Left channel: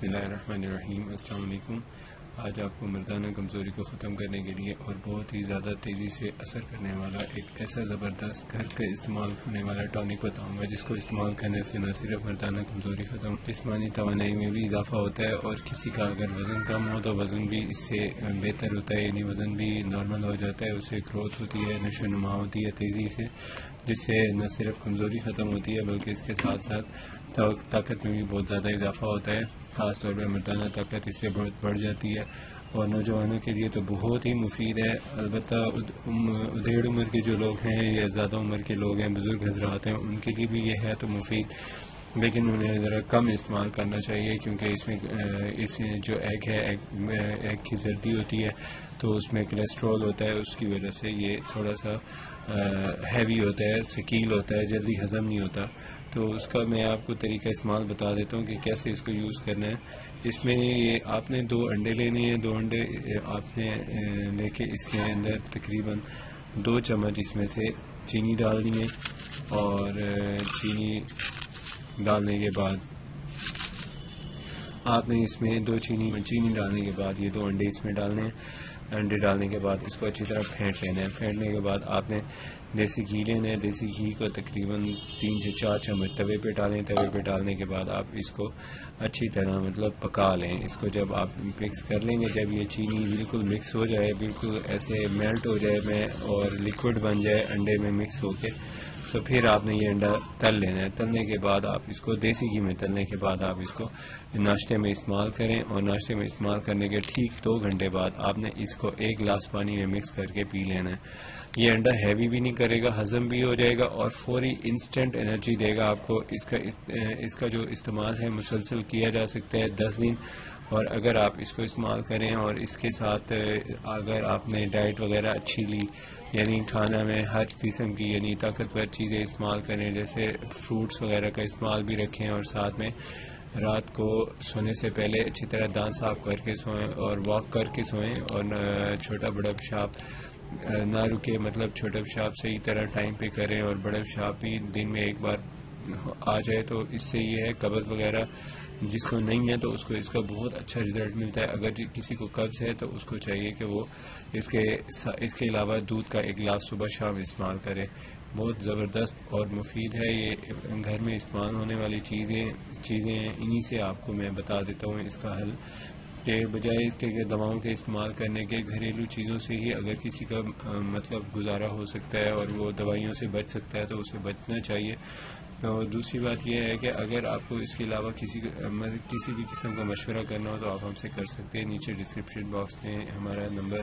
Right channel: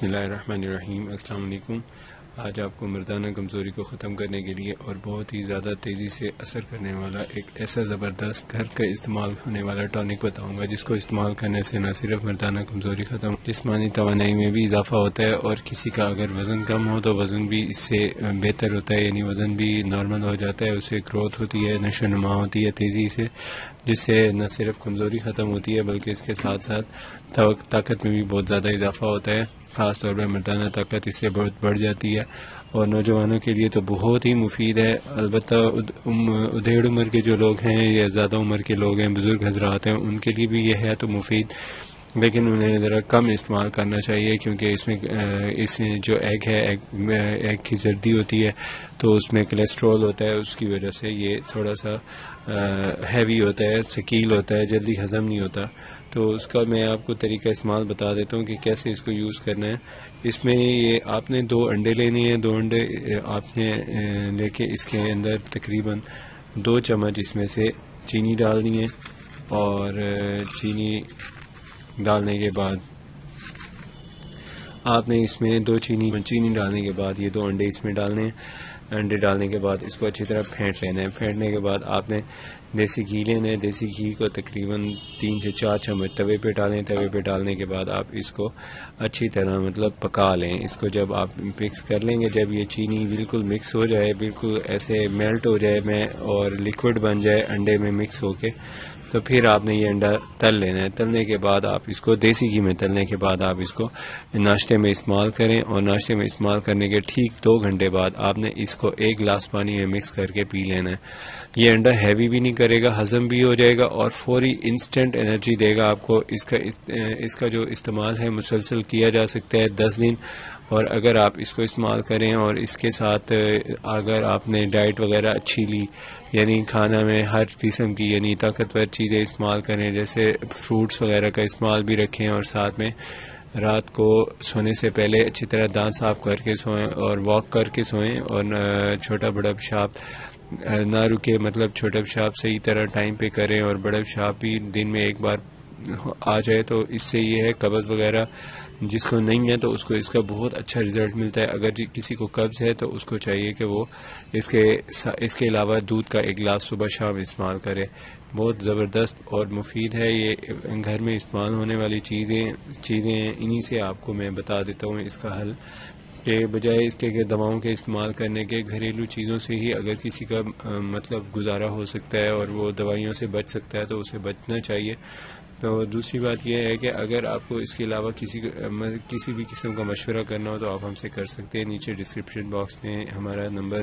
بسم اللہ الرحمن الرحیم۔ السلام علیکم۔ آج آپ کو مردانہ کمزوری کو ختم کرنے کے لیے اور بہت ہی زیادہ تیزی سے اثر کرنے والا ایک ایسا زبردست گھر کا استعمال ہونے والا ٹانک بتاؤں گا، جس کو استعمال کرنے سے نہ صرف مردانہ کمزوری ختم، جسمانی توانائی میں بھی اضافہ ہوتا ہے، اور کسی کا اگر وزن کم ہو تو وزن بھی اس سے بہتر ہوتا ہے، یعنی وزن بھی نارمل ہو جاتا ہے، اسے گروتھ ہوتی ہے، نشو و نما ہوتی ہے تیزی سے، جس سے نہ صرف کمزوری ختم ہوتی ہے بلکہ اس کے ساتھ ساتھ طاقت میں بھی بہت زیادہ اضافہ ہوتا ہے۔ خاص طور پر مردانہ طاقت اس سے بہت بڑھ جاتی ہے، اور نوجوانوں کے لیے تو بہت ہی مفید ہے۔ البتہ ادھیڑ عمر کے جو لوگ ہیں یا زیادہ عمر کے لوگ ہیں، بزرگ حضرات ہیں، ان کے لیے بھی یہ ہے تو مفید، لیکن انہیں ذرا کم استعمال کرنا چاہیے، کیونکہ اس میں جو ایگ ہے، ایگ کی زردی ہوتی ہے، تو اس میں کولیسٹرول ہوتا ہے، اس کی وجہ سے یہ تھوڑا سا ہیوی ہوتا ہے، ثقیل ہوتا ہے، جلدی ہضم نہیں ہوتا۔ تو اس کا میں آپ کو طریقہ استعمال بتا دیتا ہوں کہ کیسے اس کو یوز کرنا ہے۔ اس میں یہ آپ نے 2 انڈے لینے ہیں، 2 انڈے آپ نے لے کے اس کے اندر تقریباً 2 چمچ اس میں سے چینی ڈالنی ہے، اور چینی ڈالنے کے بعد آپ نے اس میں 2 چینی ڈالنے کے بعد یہ 2 انڈے اس میں ڈالنے ہیں۔ انڈے ڈالنے کے بعد اس کو اچھی طرح پھینٹ لینا ہے۔ پھینٹنے کے بعد آپ نے دیسی گھی لینا ہے، دیسی گھی کو تقریباً 3 سے 4 چمچ توے پہ ڈالیں۔ توے پہ ڈالنے کے بعد آپ اس کو اچھی طرح پکا لیں۔ اس کو جب آپ مکس کر لیں گے، جب یہ چینی بالکل مکس ہو جائے، بالکل ایسے میلٹ ہو جائے اور لیکوڈ بن جائے انڈے میں مکس ہو کے، تو پھر آپ نے یہ انڈا تل لینا ہے۔ تلنے کے بعد آپ اس کو دیسی گھی میں تلنے کے بعد آپ اس کو ناشتے میں استعمال کریں، اور ناشتے میں استعمال کرنے کے ٹھیک 2 گھنٹے بعد آپ نے اس کو 1 گلاس پانی میں مکس کر کے پی لینا ہے۔ یہ انڈا ہیوی بھی نہیں کرے گا، ہضم بھی ہو جائے گا، اور فوری انسٹنٹ انرجی دے گا آپ کو۔ اس کا جو استعمال ہے مسلسل کیا جا سکتا ہے 10 دن، اور اگر آپ اس کو استعمال کریں اور اس کے ساتھ اگر آپ نے ڈائٹ وغیرہ اچھی لی، یعنی کھانا میں ہر قسم کی یعنی طاقتور چیزیں استعمال کریں، جیسے فروٹس وغیرہ کا استعمال بھی رکھیں، اور ساتھ میں رات کو سونے سے پہلے اچھی طرح دانت صاف کر کے سوئیں اور واک کر کے سوئیں، اور چھوٹا بڑا پیشاب نہ رکے، مطلب چھوٹا پیشاب صحیح طرح ٹائم پہ کریں، اور بڑا پیشاب بھی دن میں 1 بار آ جائے، تو اس سے یہ ہے قبض وغیرہ جس کو نہیں ہے تو اس کو اس کا بہت اچھا رزلٹ ملتا ہے۔ اگر کسی کو قبض ہے تو اس کو چاہیے کہ وہ اس کے علاوہ دودھ کا 1 گلاس صبح شام استعمال کرے۔ بہت زبردست اور مفید ہے، یہ گھر میں استعمال ہونے والی چیزیں ہیں، انہی سے آپ کو میں بتا دیتا ہوں اس کا حل، کہ بجائے اس کے کہ دواؤں کے استعمال کرنے کے، گھریلو چیزوں سے ہی اگر کسی کا مطلب گزارا ہو سکتا ہے اور وہ دوائیوں سے بچ سکتا ہے تو اسے بچنا چاہیے۔ تو دوسری بات یہ ہے کہ اگر آپ کو اس کے علاوہ کسی بھی قسم کا مشورہ کرنا ہو تو آپ ہم سے کر سکتے ہیں۔ نیچے ڈسکرپشن باکس میں ہمارا نمبر